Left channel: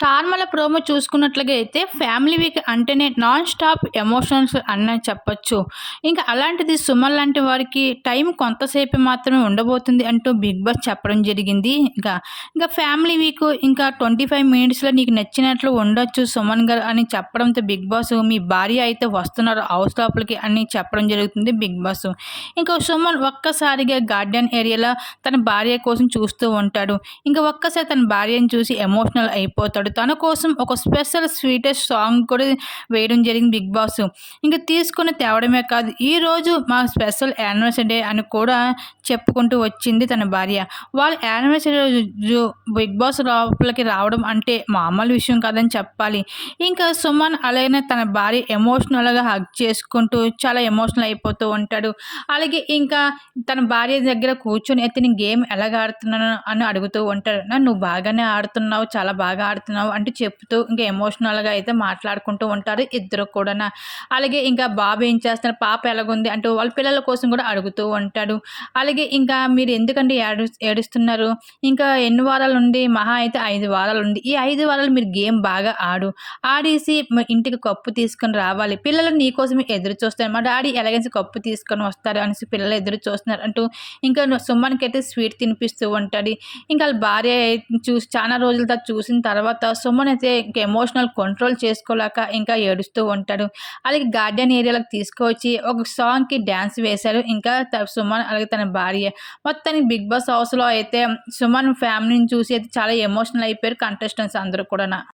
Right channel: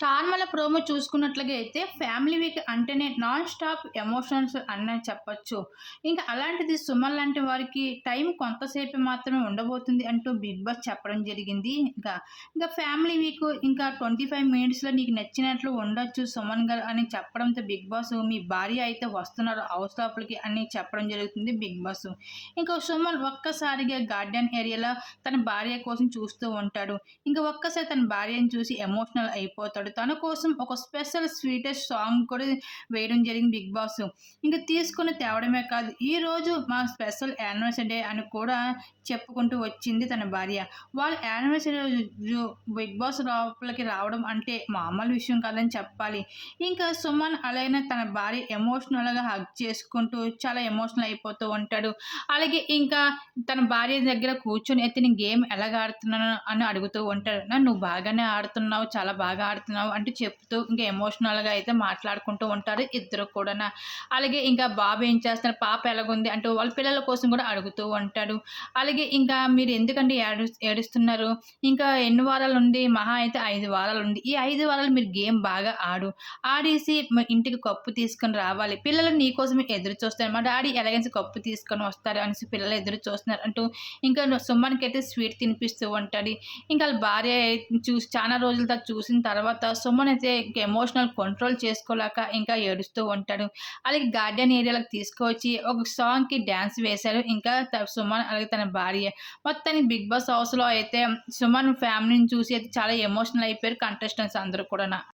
Star మల promo చూసుకున్నట్లుగా అయితే ఫ్యామిలీ వీక్ అంటేనే నాన్ స్టాప్ ఎమోషన్స్ అన్న చెప్పచ్చు. ఇంకా అలాంటిది సుమన్ లాంటి వారికి టైం కొంతసేపు మాత్రమే ఉండబోతుంది అంటూ బిగ్ బాస్ చెప్పడం జరిగింది. ఇంకా ఇంకా ఫ్యామిలీ వీక్ ఇంకా ట్వంటీ ఫైవ్ మినిట్స్లో నీకు నచ్చినట్లు ఉండొచ్చు సుమన్ గారు అని చెప్పడంతో బిగ్ బాస్ మీ భార్య అయితే వస్తున్నారు హౌస్ లోపలికి అని చెప్పడం జరుగుతుంది బిగ్ బాస్. ఇంకా సుమన్ ఒక్కసారిగా గార్డెన్ ఏరియాలో తన భార్య కోసం చూస్తూ ఉంటాడు. ఇంకా ఒక్కసారి తన భార్యను చూసి ఎమోషనల్ అయిపోతాడు. చేశాడు తన కోసం ఒక స్పెషల్ స్వీటెస్ట్ సాంగ్ కూడా వేయడం జరిగింది బిగ్ బాస్. ఇంకా తీసుకుని తేవడమే కాదు ఈరోజు మా స్పెషల్ యానివర్సరీ డే అని కూడా చెప్పుకుంటూ వచ్చింది తన భార్య. వాళ్ళ యానివర్సరీ రోజు బిగ్ బాస్ లోపలికి రావడం అంటే మామూలు విషయం కాదని చెప్పాలి. ఇంకా సుమన్ అలాగే తన భార్య ఎమోషనల్గా హగ్ చేసుకుంటూ చాలా ఎమోషనల్ అయిపోతూ ఉంటాడు. అలాగే ఇంకా తన భార్య దగ్గర కూర్చొని అయితే నేను గేమ్ ఎలాగ ఆడుతున్నాను? అని అడుగుతూ ఉంటాడు. నువ్వు బాగానే ఆడుతున్నావు చాలా బాగా ఆడుతున్నావు చేస్తున్నావు అంటే చెప్తూ ఇంకా ఎమోషనల్గా అయితే మాట్లాడుకుంటూ ఉంటారు ఇద్దరు కూడా అలాగే ఇంకా బాబు ఏం చేస్తున్నారు పాప ఎలాగుంది? అంటూ వాళ్ళ పిల్లల కోసం కూడా అడుగుతూ ఉంటాడు. అలాగే ఇంకా మీరు ఎందుకంటే ఏడు ఏడుస్తున్నారు? ఇంకా ఎన్ని వారాలు ఉంది మహా అయితే ఐదు వారాలు ఉంది ఈ ఐదు వారాలు మీరు గేమ్ బాగా ఆడు. ఆడేసి ఇంటికి కప్పు తీసుకొని రావాలి. పిల్లలు నీ కోసమే ఎదురు చూస్తారు. మా డాడీ ఎలాగైనా కప్పు తీసుకొని వస్తారు అనేసి పిల్లలు ఎదురు చూస్తున్నారు అంటూ ఇంకా సుమ్మానికి అయితే స్వీట్ తినిపిస్తూ ఉంటాడు. ఇంకా వాళ్ళ భార్య చూసి చాలా రోజుల తర్వాత చూసిన తర్వాత సుమన్ అయితే ఇంకా ఎమోషనల్ కంట్రోల్ చేసుకోలేక ఇంకా ఏడుస్తూ ఉంటాడు. అలాగే గార్డెన్ ఏరియాలకు తీసుకువచ్చి ఒక సాంగ్కి డ్యాన్స్ వేశారు. ఇంకా సుమన్ అలాగే తన భార్య. మొత్తానికి బిగ్ బాస్ హౌస్లో అయితే సుమన్ ఫ్యామిలీని చూసి అయితే చాలా ఎమోషనల్ అయిపోయారు కంటెస్టెంట్స్ అందరూ కూడా